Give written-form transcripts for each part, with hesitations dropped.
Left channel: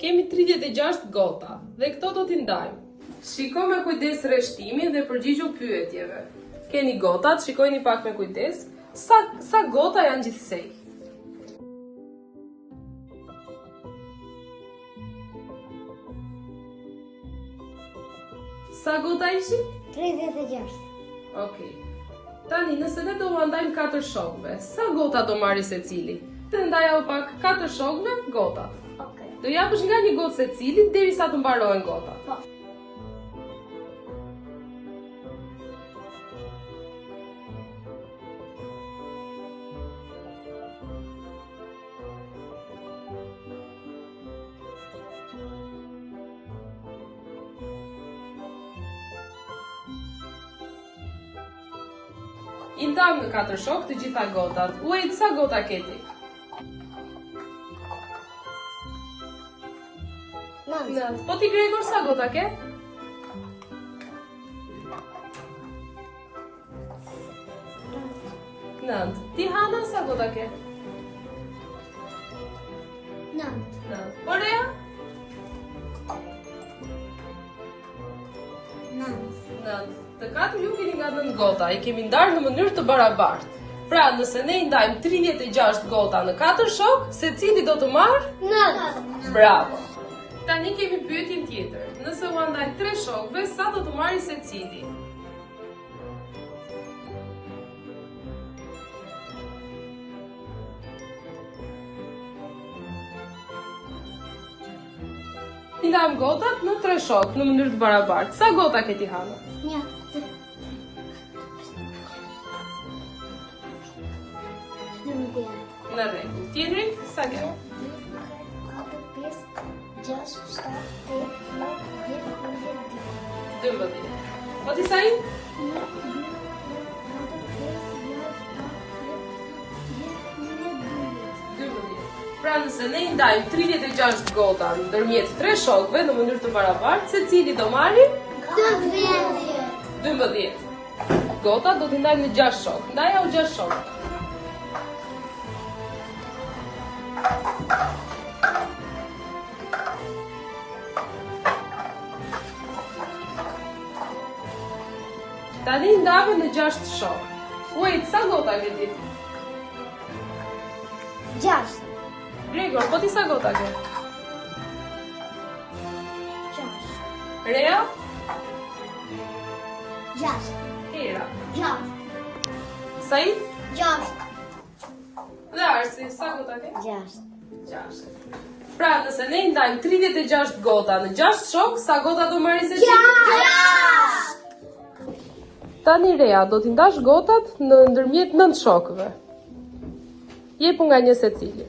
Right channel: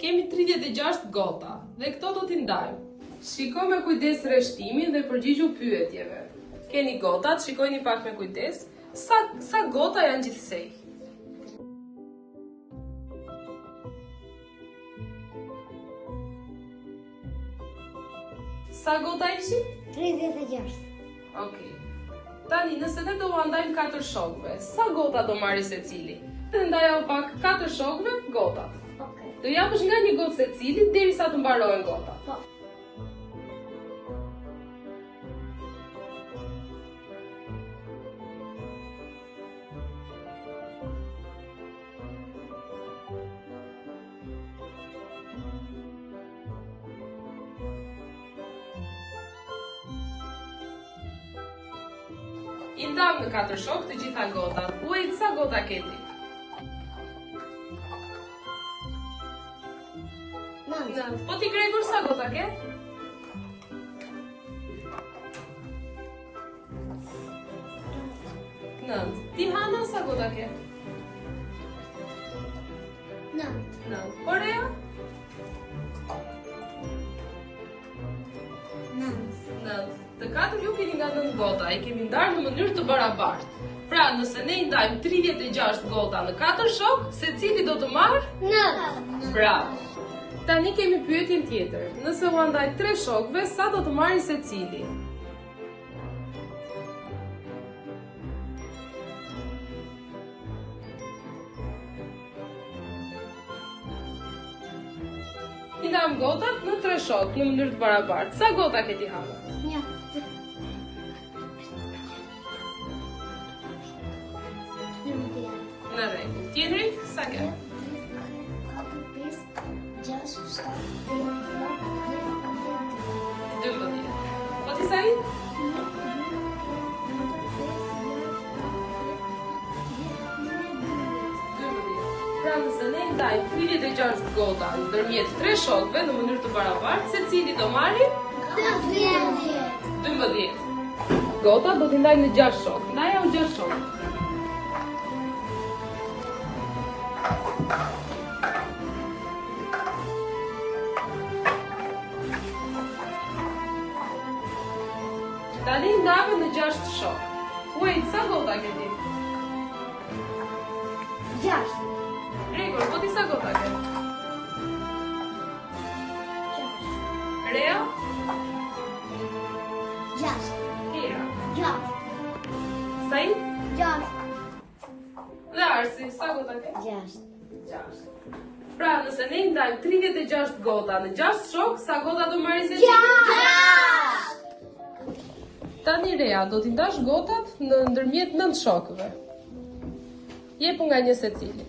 Kemi 36 gota dhe këto do t'i ndajmë. Shiko me kujdes rreshtimin dhe përgjigju pyetjeve. Keni gotat, shikojni pak me kujdes. Sa gota janë gjithsej? Sa gota ishin? 36. Okej. Tani, nëse ne do ndajmë 4 shokëve, sa gota do marri secili? Të ndajë pak 4 shokëve gotat. Okej. Do japësh nga një gotë secilit derisa të mbarohen gotat. Po. I ndam në 4 shokë të gjitha gotat. Uajt, sa gota keti? 9. Po ti Gregor, sa gota ke? 9. Ti Hana, sa gota ke? 9. Po Rea? 9. Të 4 ju keni nga 9 gota, i kemi ndarë në mënyrë të barabartë. Pra, nëse ne i ndajmë 36 gota në 4 shokë, secili do të marrë? 9. Bravo! Tani kemi pyetjen tjetër. Nëse u ndaj 3 shokëve, sa do të marrë secili? I ndajmë gotat në 3 shokë në mënyrë të barabartë. Sa gota ke ti Hana? 1. Në ne. Tjetëri, sa ke? 4, 5, 6, 7, 8, 9, 10, 12. Po ti sa i? 1, 2, 3, 4, 5, 6, 7, 8, 9, 10, 11, 12. Pra nëse ne i ndajmë 36 gota ndërmjet 3 shokëve në mënyrë të barabartë, secili do marrë 12. Gota do t'i ndajmë në 6 shokë. Ndaja u 6 shokë. Tani ndave në 6 shokë. Uajt, sa gota ke ti? 6. Gregor, po ti sa gota ke? 6. Rea? 6. Kera? 6. Said? 6. Dhe Arsi, sa gota ke? 6. 6. Pra, nëse ne ndajmë 36 gota në 6 shokë, sa gota do marrë secili? 6. Tani Rea, do t'i ndash gotat në ndërmjet 9 shokëve. Jepu nga një secili.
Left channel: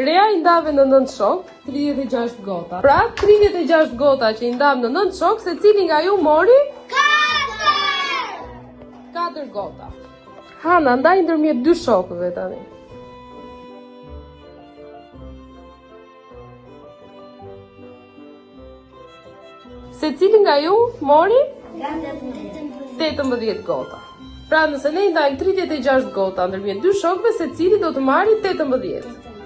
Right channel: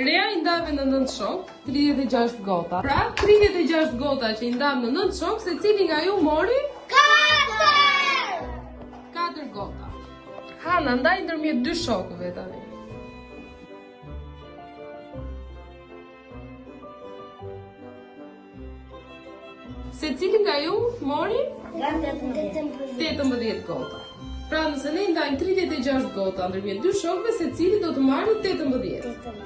Rea i ndave në 9 shokë, 36 gota. Pra, 36 gota që i ndam në 9 shokë, secili nga ju mori 4 gota. Hana, ndaj ndërmjet 2 shokëve tani. Secili nga ju mori 18 gota. Pra, nëse ne ndajmë 36 gota ndërmjet 2 shokëve, secili do të marrë 18.